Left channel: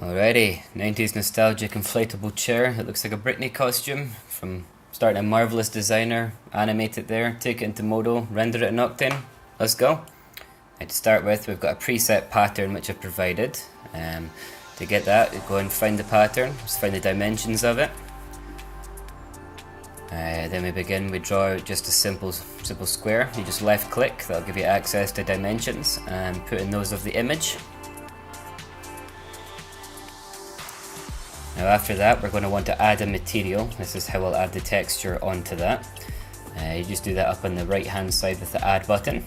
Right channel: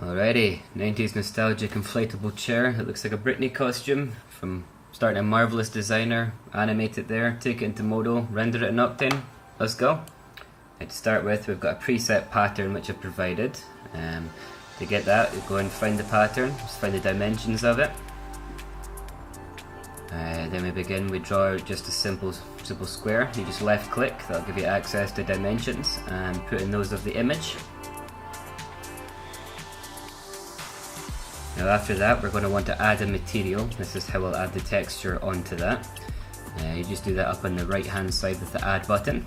Alrighty, 90s nostalgic inflatable chair. It looks like a Britney costume from starting a marvelous designer. Animate it there, take it into Modo, render it in Octane. Let's go. To start with, we've got a preset pattern which I've provided. To get that, go and find the pattern, just find the dimensions of it. Then we draw just a simple square. You just left click, that'll give you access to dimensions, and put in those of the image. Now after that, we're going to want to add a material. This is how I'll add the texture onto that. You just do that up on the right hand side with the add button.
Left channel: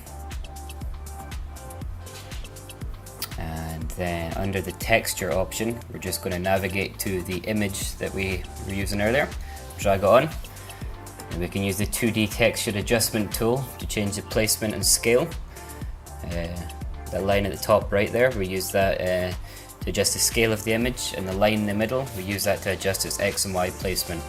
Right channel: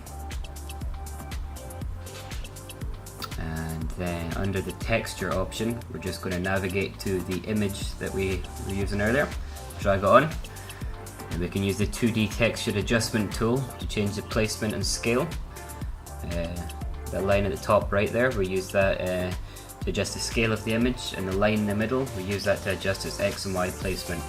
And then under the texture option, we're just going to navigate to the image that we were using earlier. Drag it on. And we can use the 2D texture adjustment tool to change the placement and scale. That line at the top right there, we use that to adjust the scale of the image, and the line in the middle, we use that to adjust its X and Y placement.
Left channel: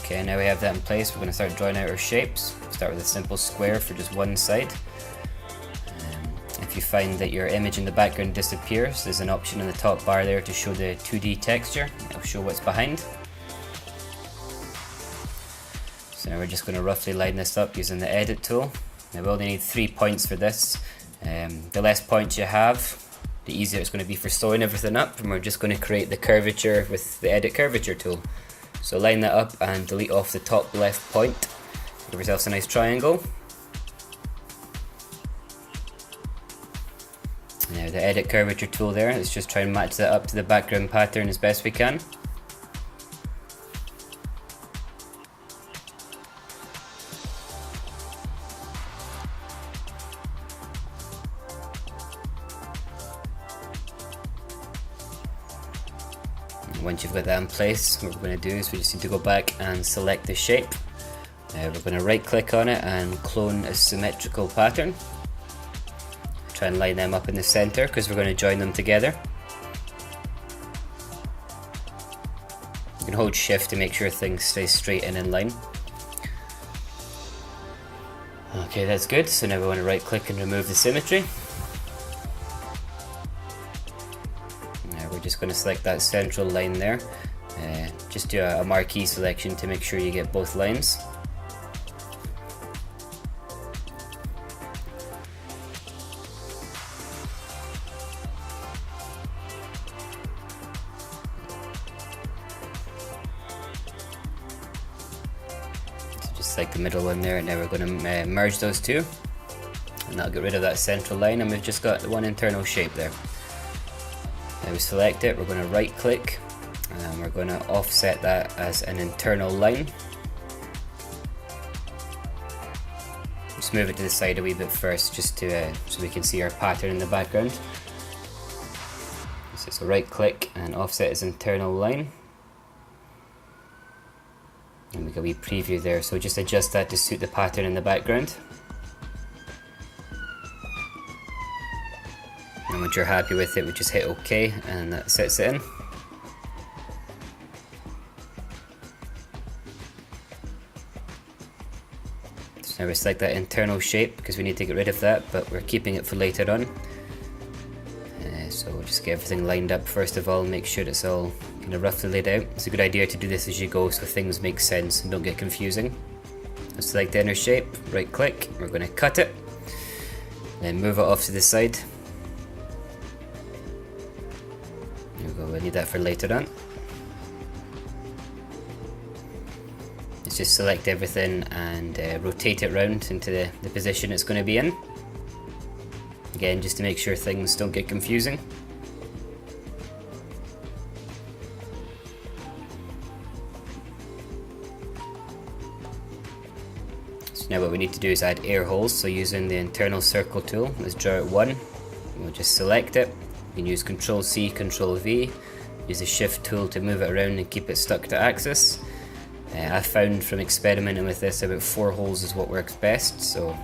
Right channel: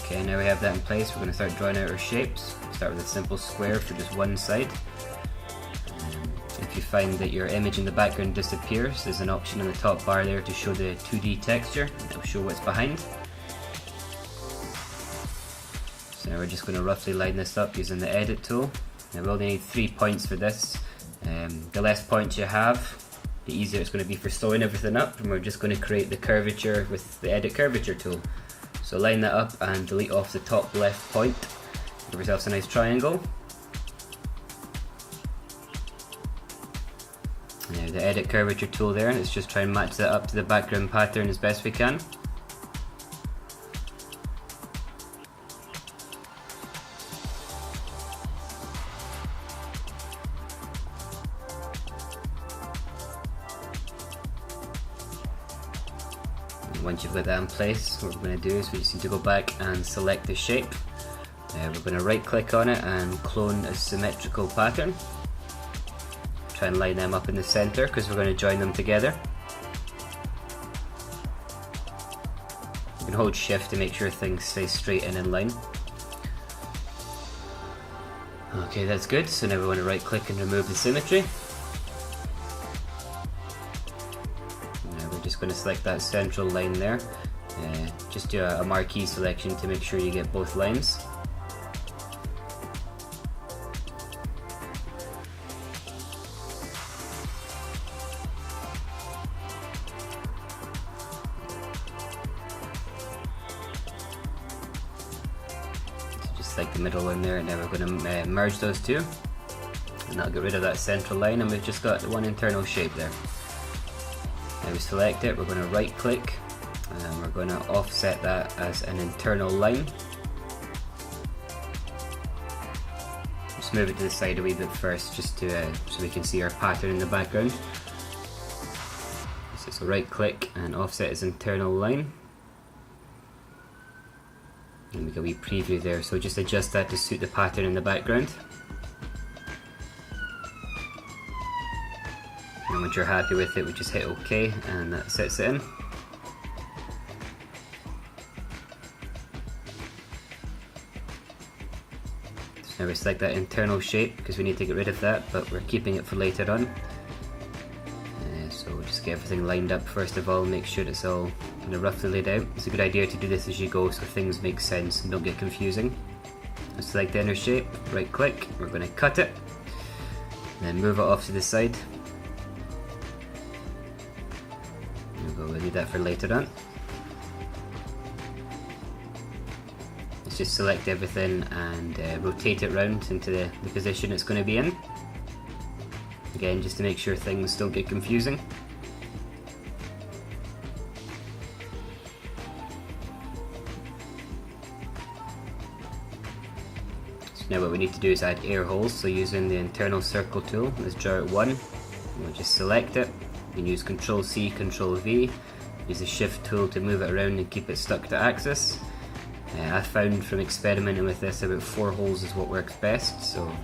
Okay, now we have that in place, we're going to start drawing out our shapes. Start with a simple square for just one side. If you find that your image in the background disappears, there's an option in the top bar there to show the 2D texture. It'll show what's behind. So now we're just going to roughly line this up using the edit tool. Now we only need 3 points for this. The less points you have, the easier it's going to be for sewing everything up, and we're just going to create the curvature with the edit curvature tool. So line that up and delete off the top left point. Give yourself a nice triangle. Now the edit curvature tool there, let's just try and match that up to the background pattern as best we can. And once you've got that in place, what we're going to do is we just need to go back and select the shape. We're going to right click on it and clone a symmetrical pattern. Try and line them up in the center because we're going to join them together. You can hold shift to make sure things stay straight and in line. Okay, that's good. So now we want to right click and remove the symmetry. Now we're just going to select that central line there. Just do a marquee selection to make sure you get both lines. Like the middle one there, and now we're going to merge those two, and that'll get rid of that central line, and we've just got one internal shape there. Now we select it, we're going to right click, and we're going to offset that as an internal line. Just move it to the side a wee bit first, just to so we can see our pattern in the background. So right click and offset as internal line. And we got a wee preview there, so just adjust that to suit the pattern in the background. And once you're happy with it, we just hit OK, and that sets it in. So now we select that internal shape because we need to get rid of that, but we're keeping it for later on. So we'll just get everything lined up first of all, make sure it's all kind of roughly laid out. It's a good idea to do this as you go so things make sense and don't get confusing. We'll select the inner shape, right click, we're going to cut it, then move it off to the side. We'll need that for later on. Let's just select everything and rotate it round into the position it's going to be in. Again, just to make sure things don't get confusing. So now what we need to do is add air holes, so using the internal circle tool, let's draw out one. We'll just select it. You can use Ctrl C, Ctrl V, use the shift tool to move it around and keep it stuck to axis. I found from experimenting with this about 4 holes is what works best, so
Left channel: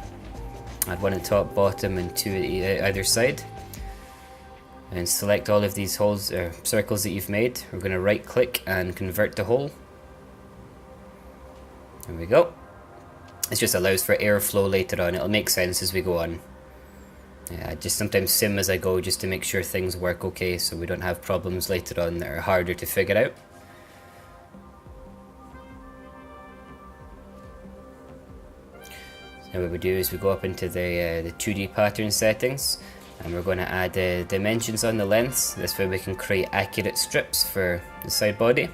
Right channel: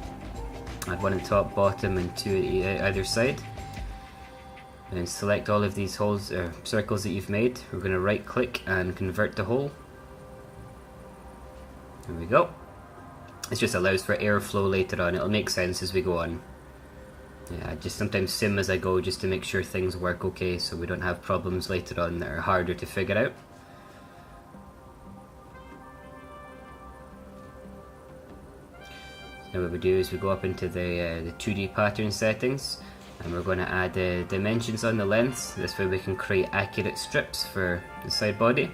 add one on top, bottom, and two at either side. and select all of these holes or circles that you've made. We're going to right click and convert to hole. There we go. It just allows for airflow later on. It'll make sense as we go on. Yeah, I just sometimes sim as I go just to make sure things work okay, so we don't have problems later on that are harder to figure out. So what we do is we go up into the 2D pattern settings, and we're going to add dimensions on the lengths. This way we can create accurate strips for the side body.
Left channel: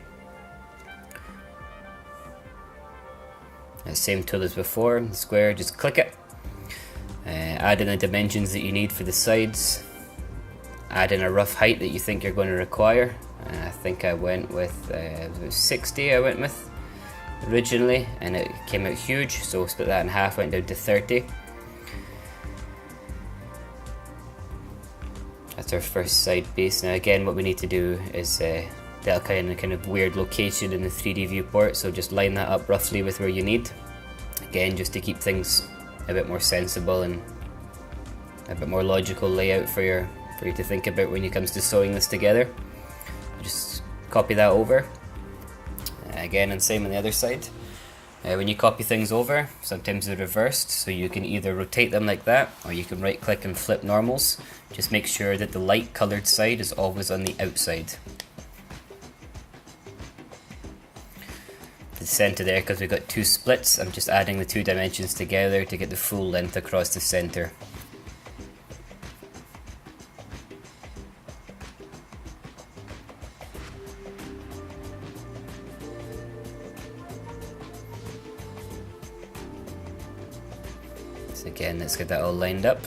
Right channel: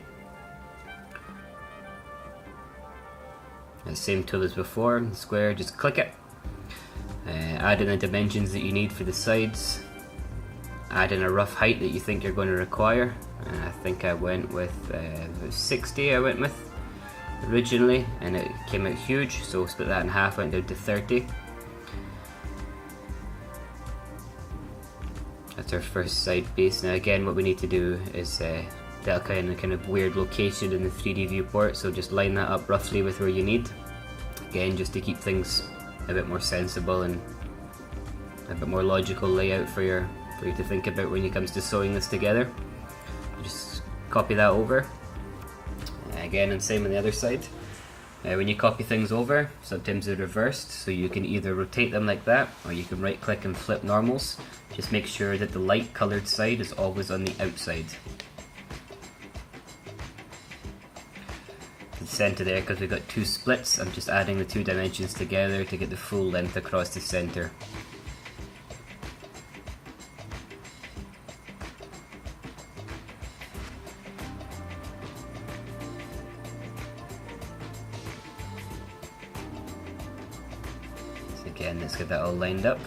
Same tool as before, square, just click it. Add in the dimensions that you need for the sides. Add in a rough height that you think you're going to require. I think I went with 60 I went with originally, and it came out huge, so we'll split that in half, went down to 30. That's our first side base. Now again, what we need to do is that kind of weird location in the 3D viewport, so just line that up roughly with where you need. Again, just to keep things a bit more sensible and a bit more logical layout for you to think about when it comes to sewing this together. Just copy that over. Again, and same on the other side. When you copy things over, sometimes they're reversed, so you can either rotate them like that, or you can right click and flip normals. Just make sure that the light colored side is always on the outside. The center there, because we've got two splits, I'm just adding the two dimensions together to get the full length across the center. So again, let's get that all lined up.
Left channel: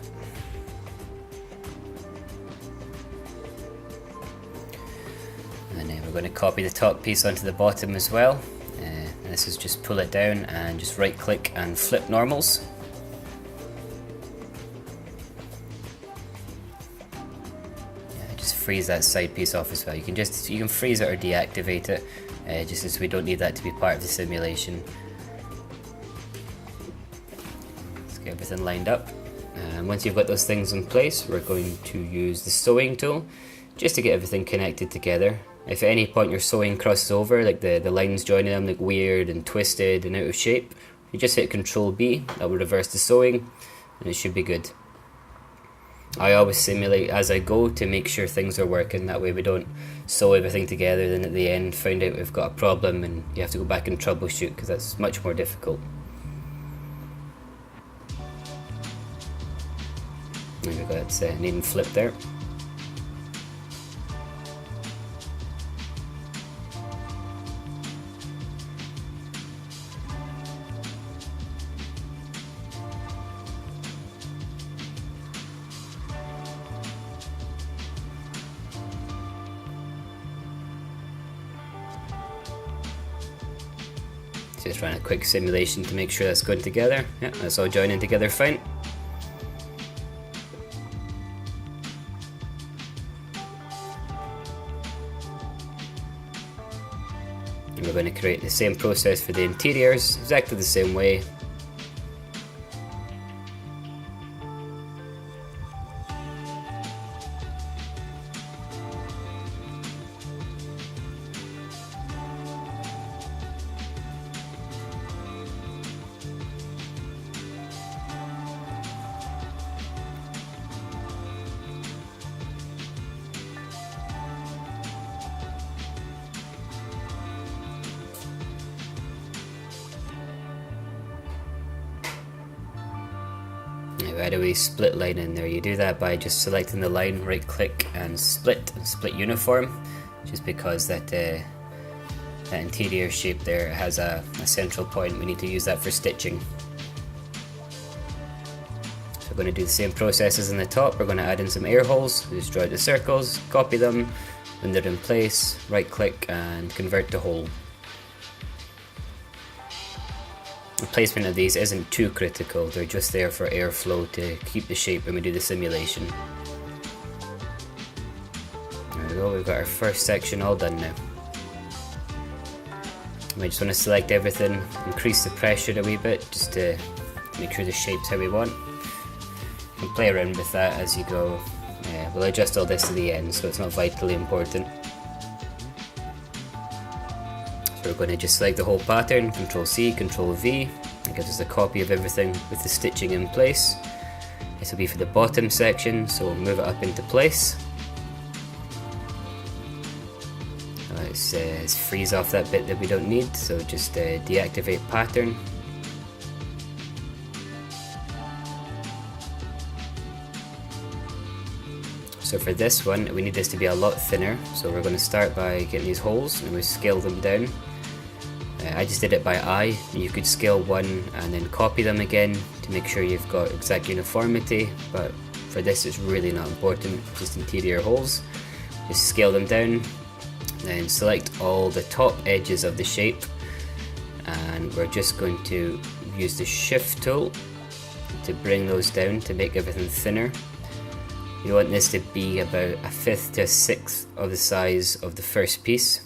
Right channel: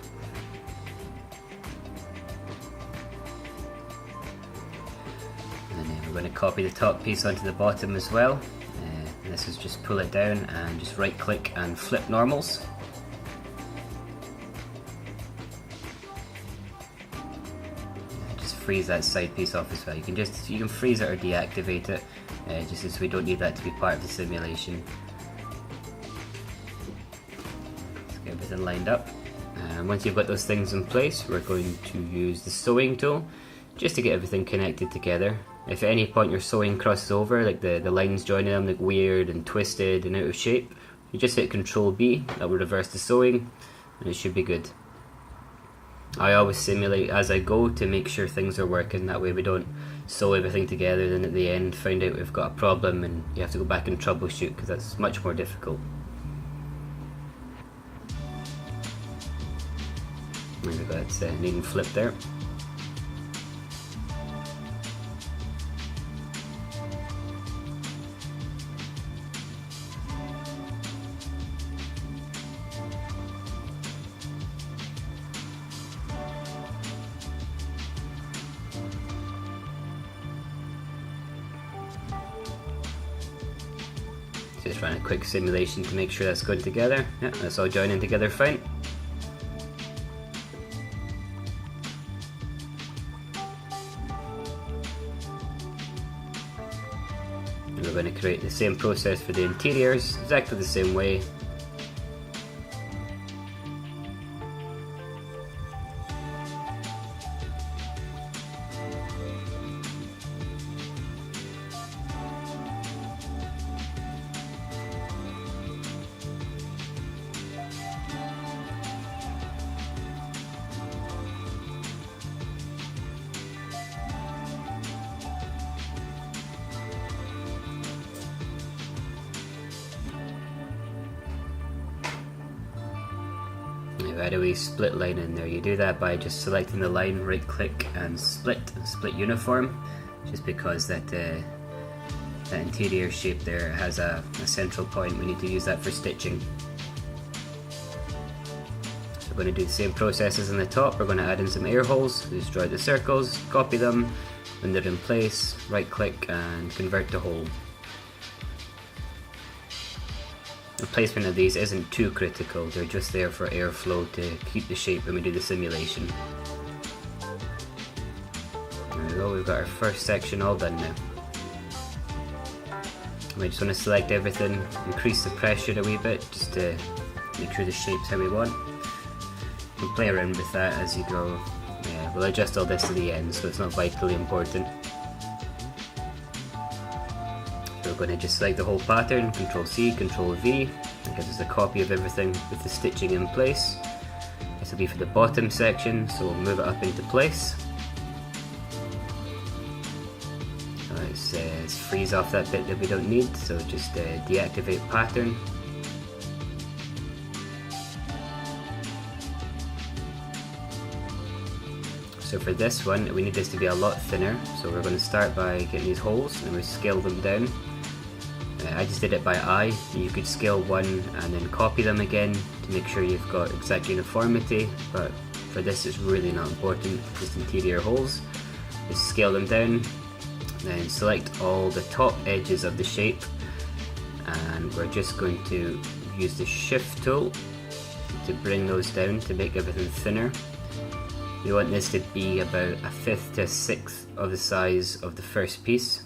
And then we're going to copy the top piece onto the bottom as well. This is just pull it down and just right click and flip normals. Just freeze that side piece off as well. You can freeze it or deactivate it, just as we don't need that to be part of the simulation. Let's get everything lined up. And once you've got those things in place, we're going to use the sewing tool just to get everything connected together. If at any point your sewing crosses over, like the lines joining them look weird and twisted and out of shape, you just hit Ctrl B, that will reverse the sewing, and it should be good. I always simulate as I go to make sure things are working, that way we don't sew everything together, then at the end find out we've got a problem and you have to go back and troubleshoot, because that's much more difficult. There we go, it's neat and flip there. Just run a quick simulation to make sure that's going together. Yeah, that's all joining together fine. And we're going to create the same process for the interiors, exactly the same way. Right away, split line in there. You do that by just selecting the line, right click and split uniform, just because that interior shape there has a central point. We need to use that for stitching. So we're going to do the same processes on the top. We're going to add in some air holes. We just draw out the circles, copy them, when they're in place, right click and convert to hole. The placement of these isn't too critical, they're just there for airflow to keep the shape when we do the simulation. There we go, we've got our first section all done now. We just want to select everything, increase the pressure a wee bit just to make sure the shape's how we want. You can play around with that as you go. we'll adjust all this to the end, so it's not vitally important. So we're going to just select the whole pattern, Control C, Control V, and gives us a copy of everything with the stitching in place. This will be for the bottom section, so we'll move it up into place. Let's freeze off that bit that we don't need, so just deactivate pattern. So for this one, we need this to be a lot thinner, so we're going to start by getting these holes and we scale them down. I just did it by eye. You could scale one and then copy them again to make sure you've got exact uniformity, but for this it's really not important, just interior holes. Just scale them down, then select all the top edges of the shape, and we're just going to use the shift tool to bring those down to make everything thinner. You want this to be about 1/5 to 1/6 of the size of the first piece.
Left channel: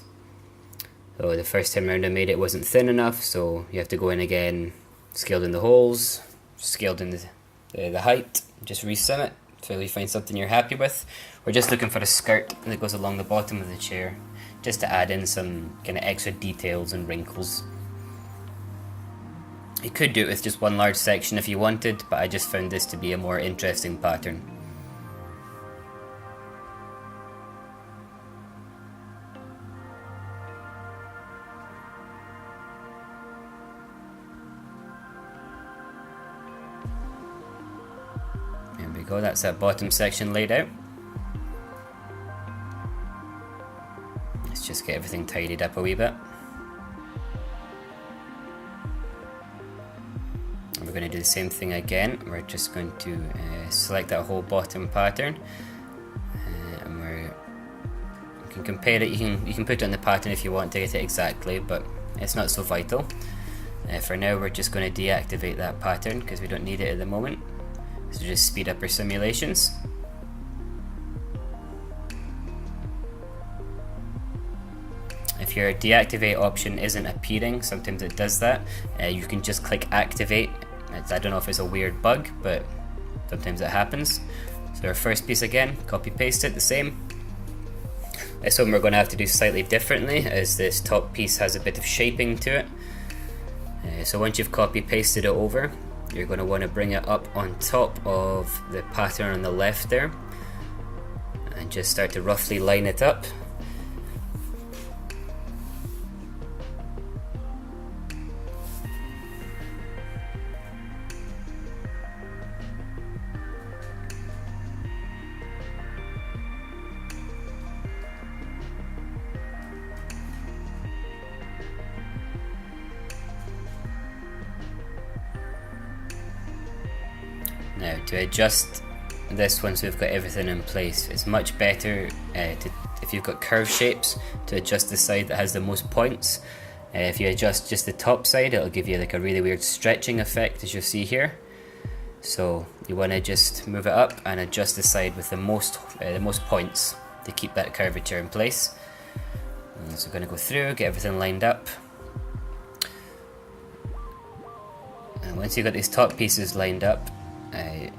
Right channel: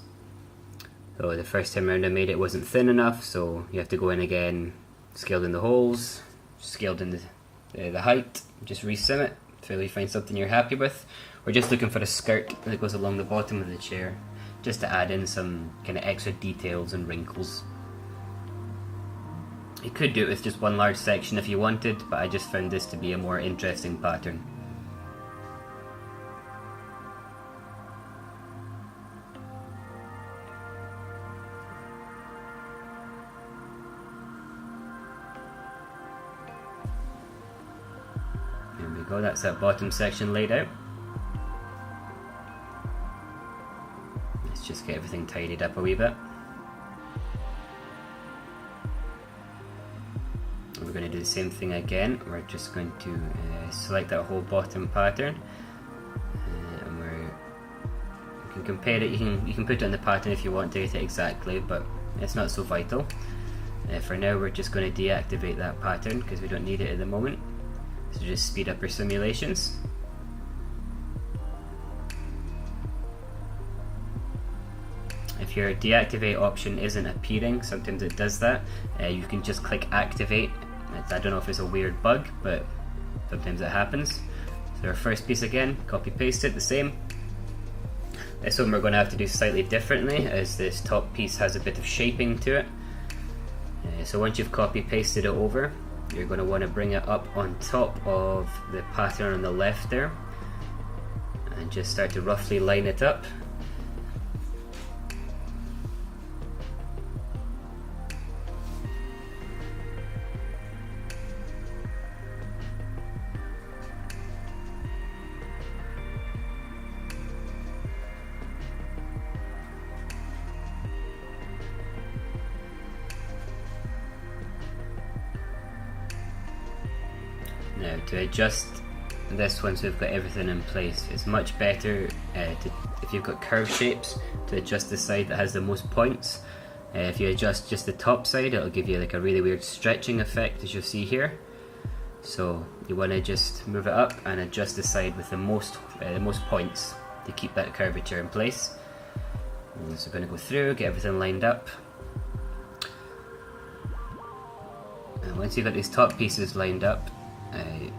So the first time around I made it wasn't thin enough, so you have to go in again, scaled in the holes, scaled in the height, just resim it until you find something you're happy with. We're just looking for a skirt that goes along the bottom of the chair, just to add in some kind of extra details and wrinkles. You could do it with just one large section if you wanted, but I just found this to be a more interesting pattern. There we go, that's that bottom section laid out. Let's just get everything tidied up a wee bit. And we're going to do the same thing again. We're just going to select that whole bottom pattern, and you can compare it. You can put it in the pattern if you want to get it exactly, but it's not so vital. For now, we're just going to deactivate that pattern because we don't need it at the moment. So just speed up our simulations. If your deactivate option isn't appearing, sometimes it does that, you can just click activate. I don't know if it's a weird bug, but sometimes it happens. So our first piece again, copy paste it the same. This one we're going to have to do slightly differently, as this top piece has a bit of shaping to it. So once you've copy pasted it over, you're going to want to bring it up on top of the pattern on the left there, and just start to roughly line it up. Now to adjust this once we've got everything in place, it's much better if you've got curved shapes to adjust the side that has the most points. If you adjust just the top side, it'll give you like a really weird stretching effect, as you'll see here. So you want to just move it up and adjust the side with the most points to keep that curvature in place. And so we're going to go through, get everything lined up. And once you've got these top pieces lined up,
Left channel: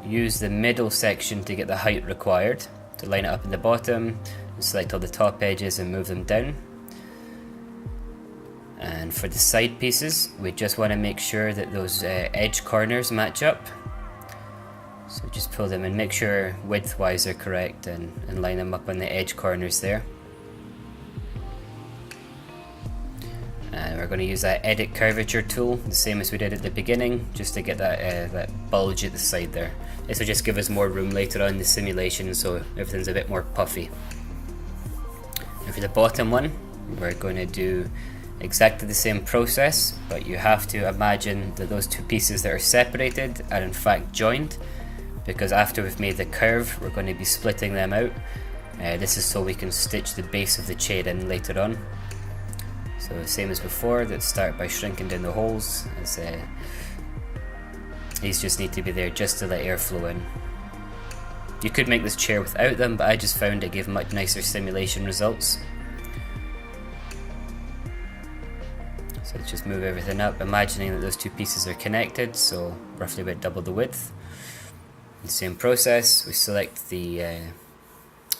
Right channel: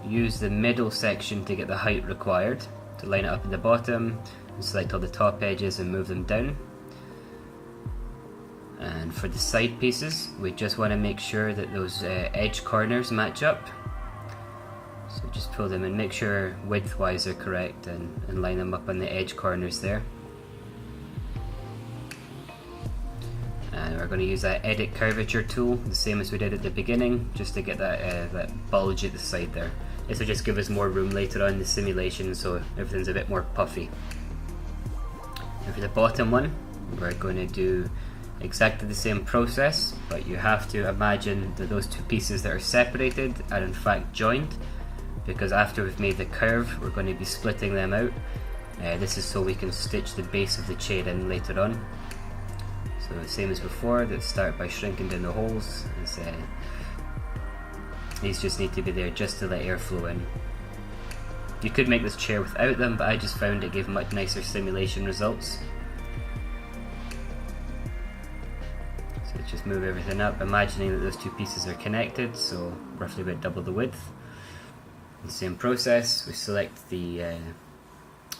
use the middle section to get the height required, to line it up in the bottom, and select all the top edges and move them down. And for the side pieces, we just want to make sure that those edge corners match up. So just pull them and make sure width-wise they're correct, and line them up on the edge corners there. And we're going to use that edit curvature tool, the same as we did at the beginning, just to get that bulge at the side there. This will just give us more room later on in the simulation, so everything's a bit more puffy. And for the bottom one, we're going to do exactly the same process, but you have to imagine that those two pieces that are separated are in fact joined, because after we've made the curve, we're going to be splitting them out. This is so we can stitch the base of the chair in later on. So same as before, let's start by shrinking down the holes. These just need to be there just to let air flow in. You could make this chair without them, but I just found it gave much nicer simulation results. So let's just move everything up, imagining that those two pieces are connected, so roughly about double the width. The same process, we select the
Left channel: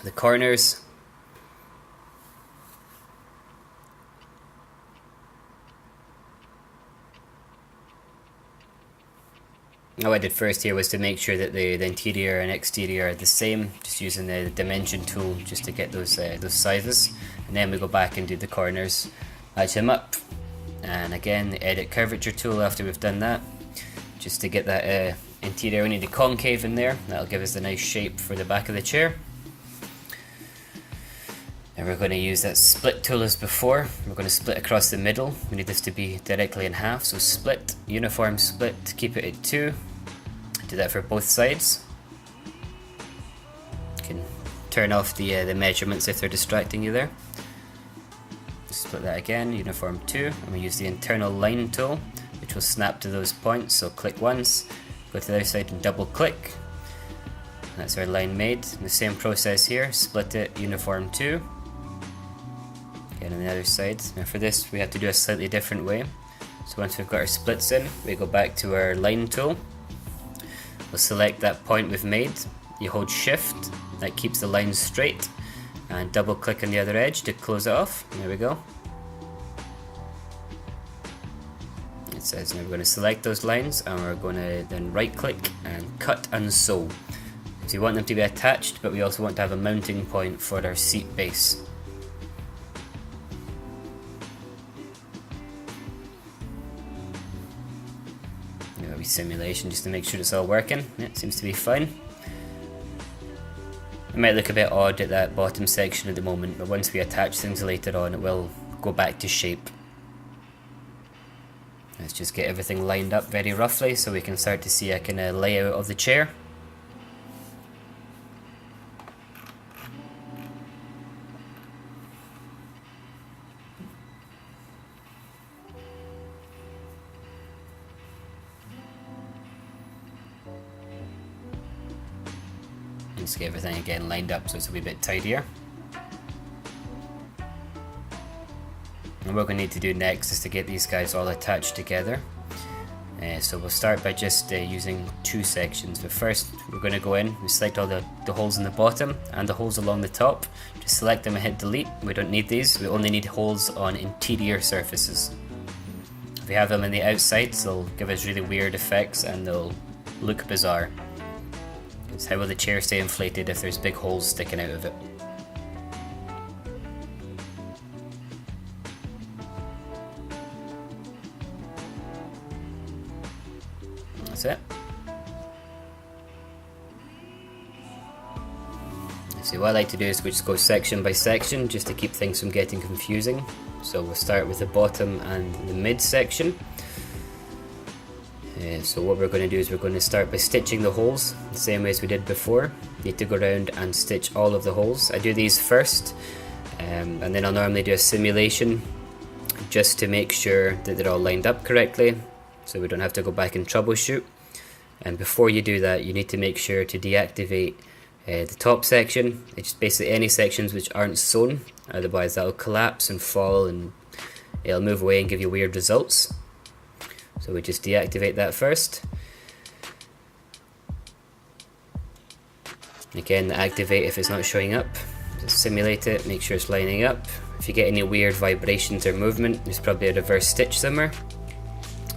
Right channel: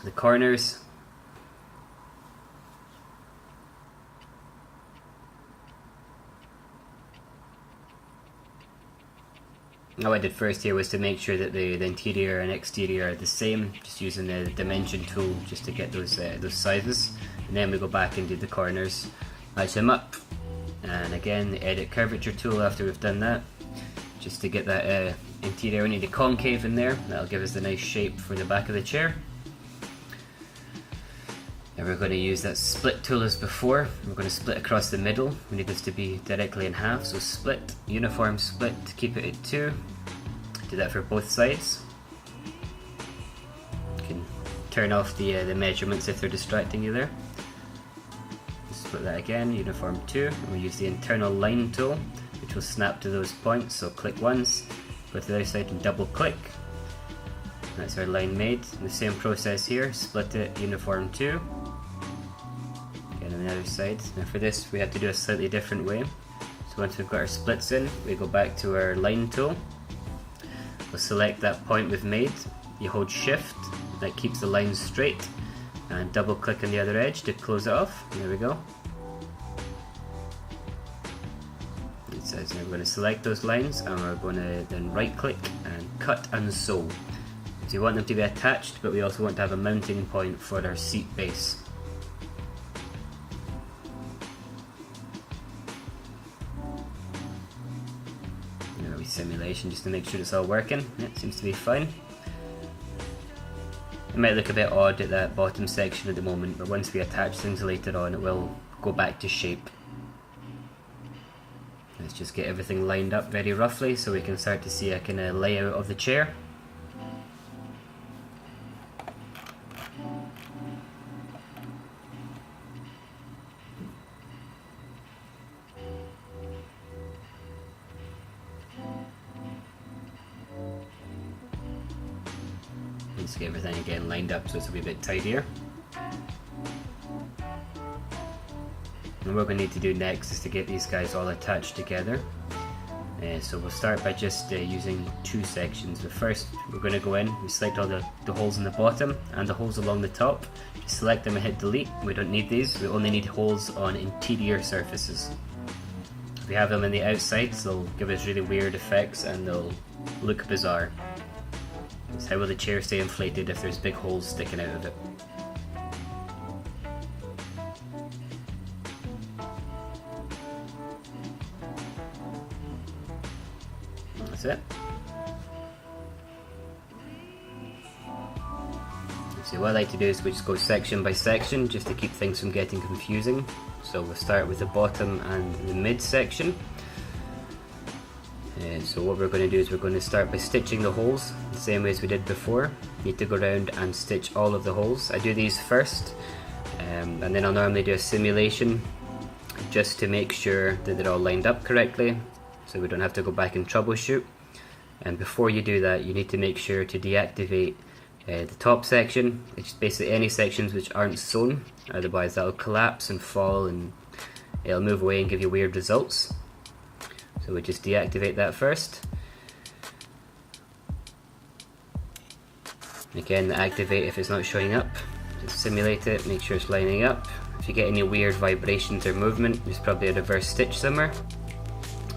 the corners. What I did first here was to make sure that the interior and exterior are the same, just using the dimension tool just to get those sizes, and then we go back and do the corners, match them up, and again the edit curvature tool after we've done that, just to get that interior. We need a concave in there, that'll give us a nice shape for the back of the chair. And we're going to use that split tool as before. We're going to split across the middle. We need this to be directly in half, so split, uniform split, keep it at 2. Do that for both sides. You can turn off the measurements if they're distracting you there. Split that again, uniform 2, and we use the internal line tool, which will snap to those points. So click once, go to the other side and double click. That's our line made. And the same process here, split it, uniform 2. Again on the other side. Now for this we have to do a slightly different way. So once we've got our splits in, we go back to our line tool. We'll select that point we've made. You hold shift, that keeps the line straight, and double click on the other edge to close it off. There we go. It says we're going to select those lines, and we're going to then right click and cut and sew. So we want them to be attached, but we also want to have a mounting point for our seat base. Simulation just to make sure it's all working. Yeah, it seems to be fine. It might look a bit odd at that bottom section at the moment, but once we attach things later on, it will go back to shape. Let's just get everything lined up very roughly so we can start to see a kind of layout of the chair. Let's get everything again lined up so it's a wee bit tidier. And what we need to do next is to get these guys all attached together. So we'll start by just using 2 sections. But first we're going to go in, we select all the holes in the bottom and the holes along the top. Just select them and hit delete. We don't need these, we only need holes on interior surfaces. If we have them on the outsides, they'll give us really weird effects and they'll look bizarre. So how will the chair stay inflated if there's big holes sticking out of it? That's it. So what I like to do is we just go section by section just to keep things from getting confusing. So we'll start with the bottom and the mid section. So what we're going to do is we're going to start by stitching the holes the same way as we did before. You need to go around and stitch all of the holes. I do these first, and then I'll normally do a simulation just to make sure that they're all lined up correctly, so we don't have to go back and troubleshoot. And before you do that, you need to make sure to deactivate the top section. It's basically any sections which aren't sewn, otherwise that'll collapse and fall and it'll move away and give you weird results. So we just deactivate that first. Again, activate if it's not showing up. Just simulate it, make sure it's lining up. If you get any weird vibrations or movement, there's probably a reverse stitch somewhere.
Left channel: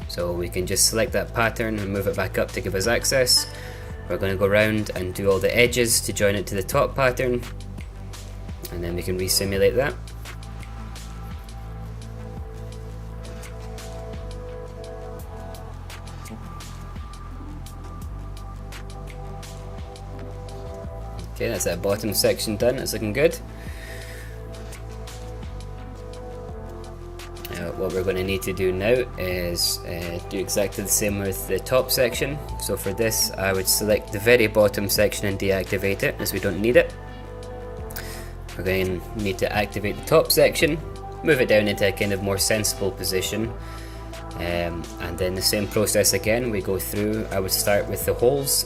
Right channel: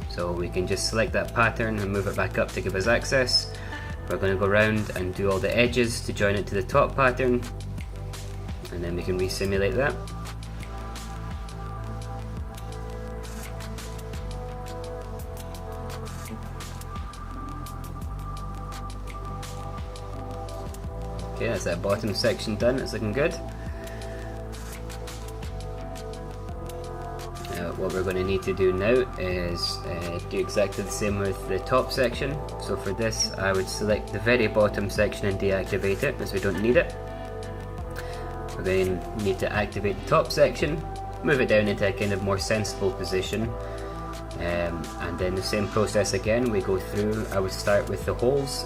So we can just select that pattern and move it back up to give us access. We're going to go around and do all the edges to join it to the top pattern, and then we can re-simulate that. Okay, that's that bottom section done, it's looking good. What we're going to need to do now is do exactly the same with the top section. So for this I would select the very bottom section and deactivate it, as we don't need it. We're going to need to activate the top section, move it down into a kind of more sensible position, and then the same process again. We go through, I would start with the holes.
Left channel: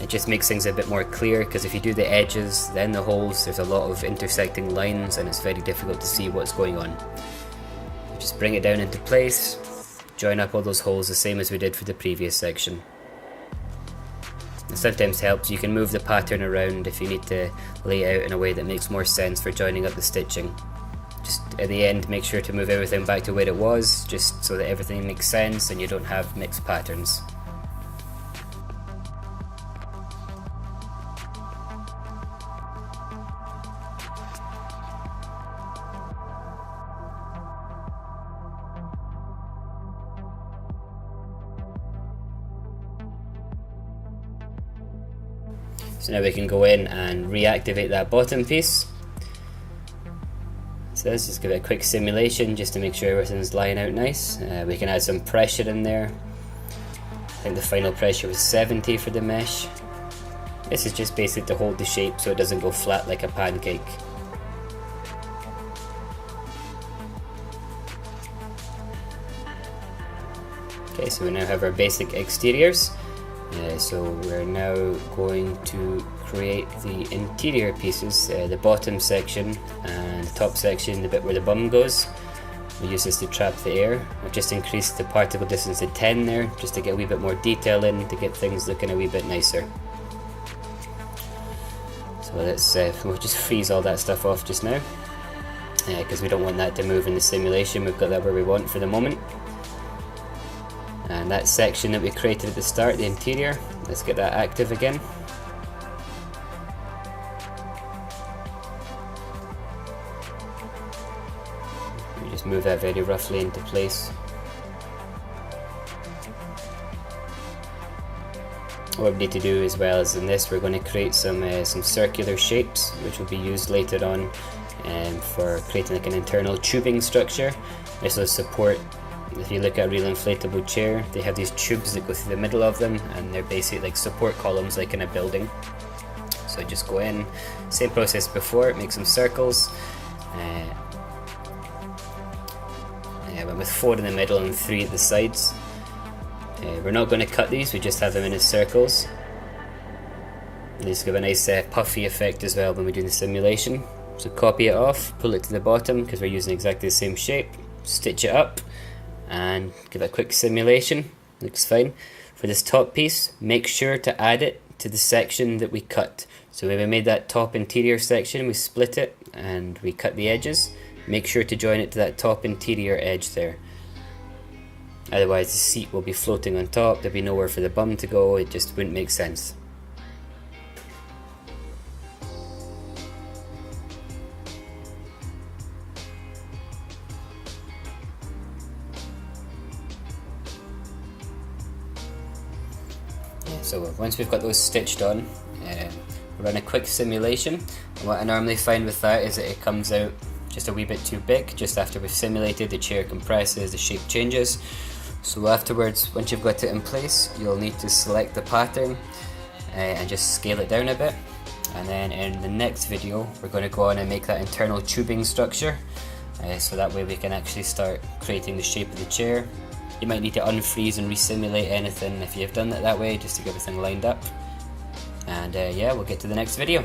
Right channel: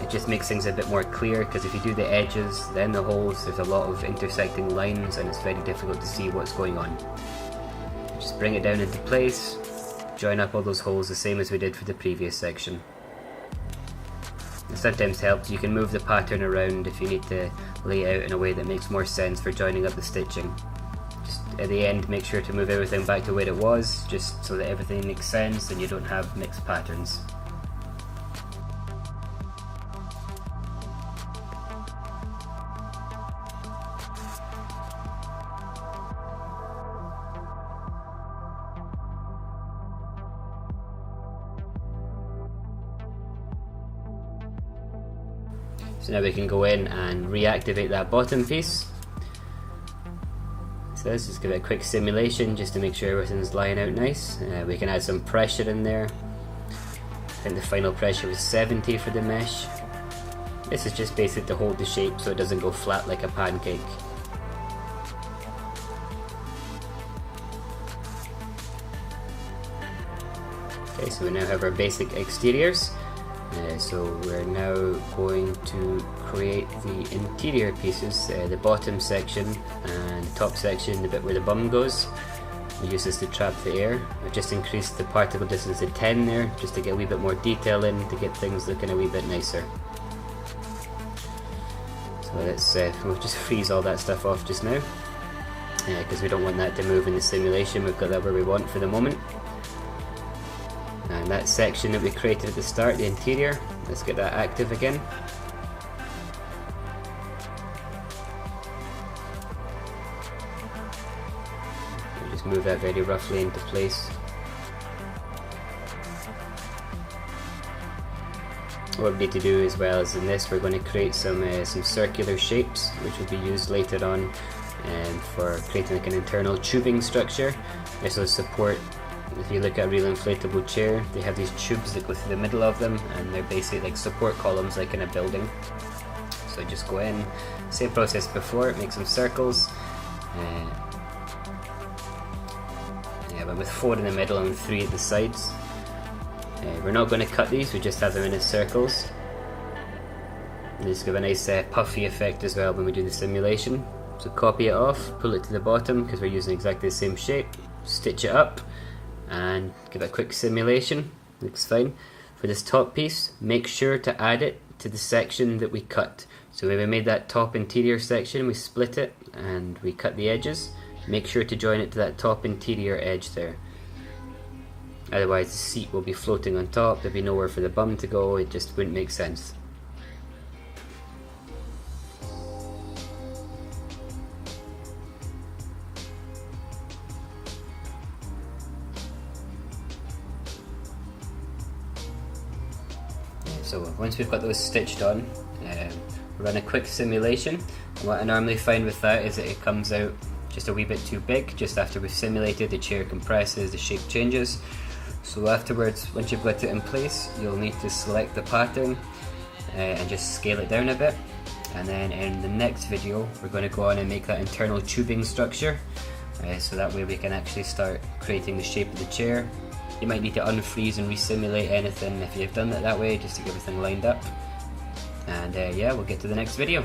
It just makes things a bit more clear, because if you do the edges then the holes, there's a lot of intersecting lines and it's very difficult to see what's going on. Just bring it down into place, join up all those holes the same as we did for the previous section. It sometimes helps. You can move the pattern around if you need to lay out in a way that makes more sense for joining up the stitching. Just at the end, make sure to move everything back to where it was, just so that everything makes sense and you don't have mixed patterns. So now we can go in and reactivate that bottom piece. So let's just give it a quick simulation just to make sure everything's lying out nice. We can add some pressure in there. I think the final pressure was 70 for the mesh. This is just basically to hold the shape so it doesn't go flat like a pancake. Okay, so we now have our basic exteriors. So we're now going to create the interior pieces, the bottom section and the top section, the bit where the bum goes. We use this to trap the air. I've just increased the particle distance to 10 there, just to get a wee bit more detail in, to get things looking a wee bit nicer. So let's we'll just freeze all that stuff off just now, because we don't want that to move in the simulation. We've got that where we want for the moment. And that section that we created at the start, the interior, let's get that active again. We'll just move that very roughly into place. What we need to do as well is in this we're going to create some circular shapes which will be used later on for creating like an internal tubing structure. This will support. If you look at a real inflatable chair, they have these tubes that go through the middle of them, and they're basically like support columns like in a building. So just go in, same process before, make some circles. Went with 4 in the middle and 3 at the sides. We're not going to cut these, we just have them in as circles. And these give a nice puffy effect as well when we do the simulation. So copy it off, pull it to the bottom because we're using exactly the same shape, stitch it up, and give it a quick simulation. Looks fine. For this top piece, make sure to add it to the section that we cut. So when we made that top interior section, we split it and we cut the edges. Make sure to join it to that top interior edge there. Otherwise the seat will be floating on top, there'll be nowhere for the bum to go, it just wouldn't make sense. So once we've got those stitched on, run a quick simulation. And what I normally find with that is that it comes out just a wee bit too big. Just after we've simulated, the chair compresses, the shape changes. So afterwards, once you've got it in place, you'll need to select the pattern and just scale it down a bit. And then in the next video, we're going to go on and make that internal tubing structure. So that way we can actually start creating the shape of the chair. You might need to unfreeze and resimulate anything if you've done it that way, just to get everything lined up. And yeah, we'll get to the next video.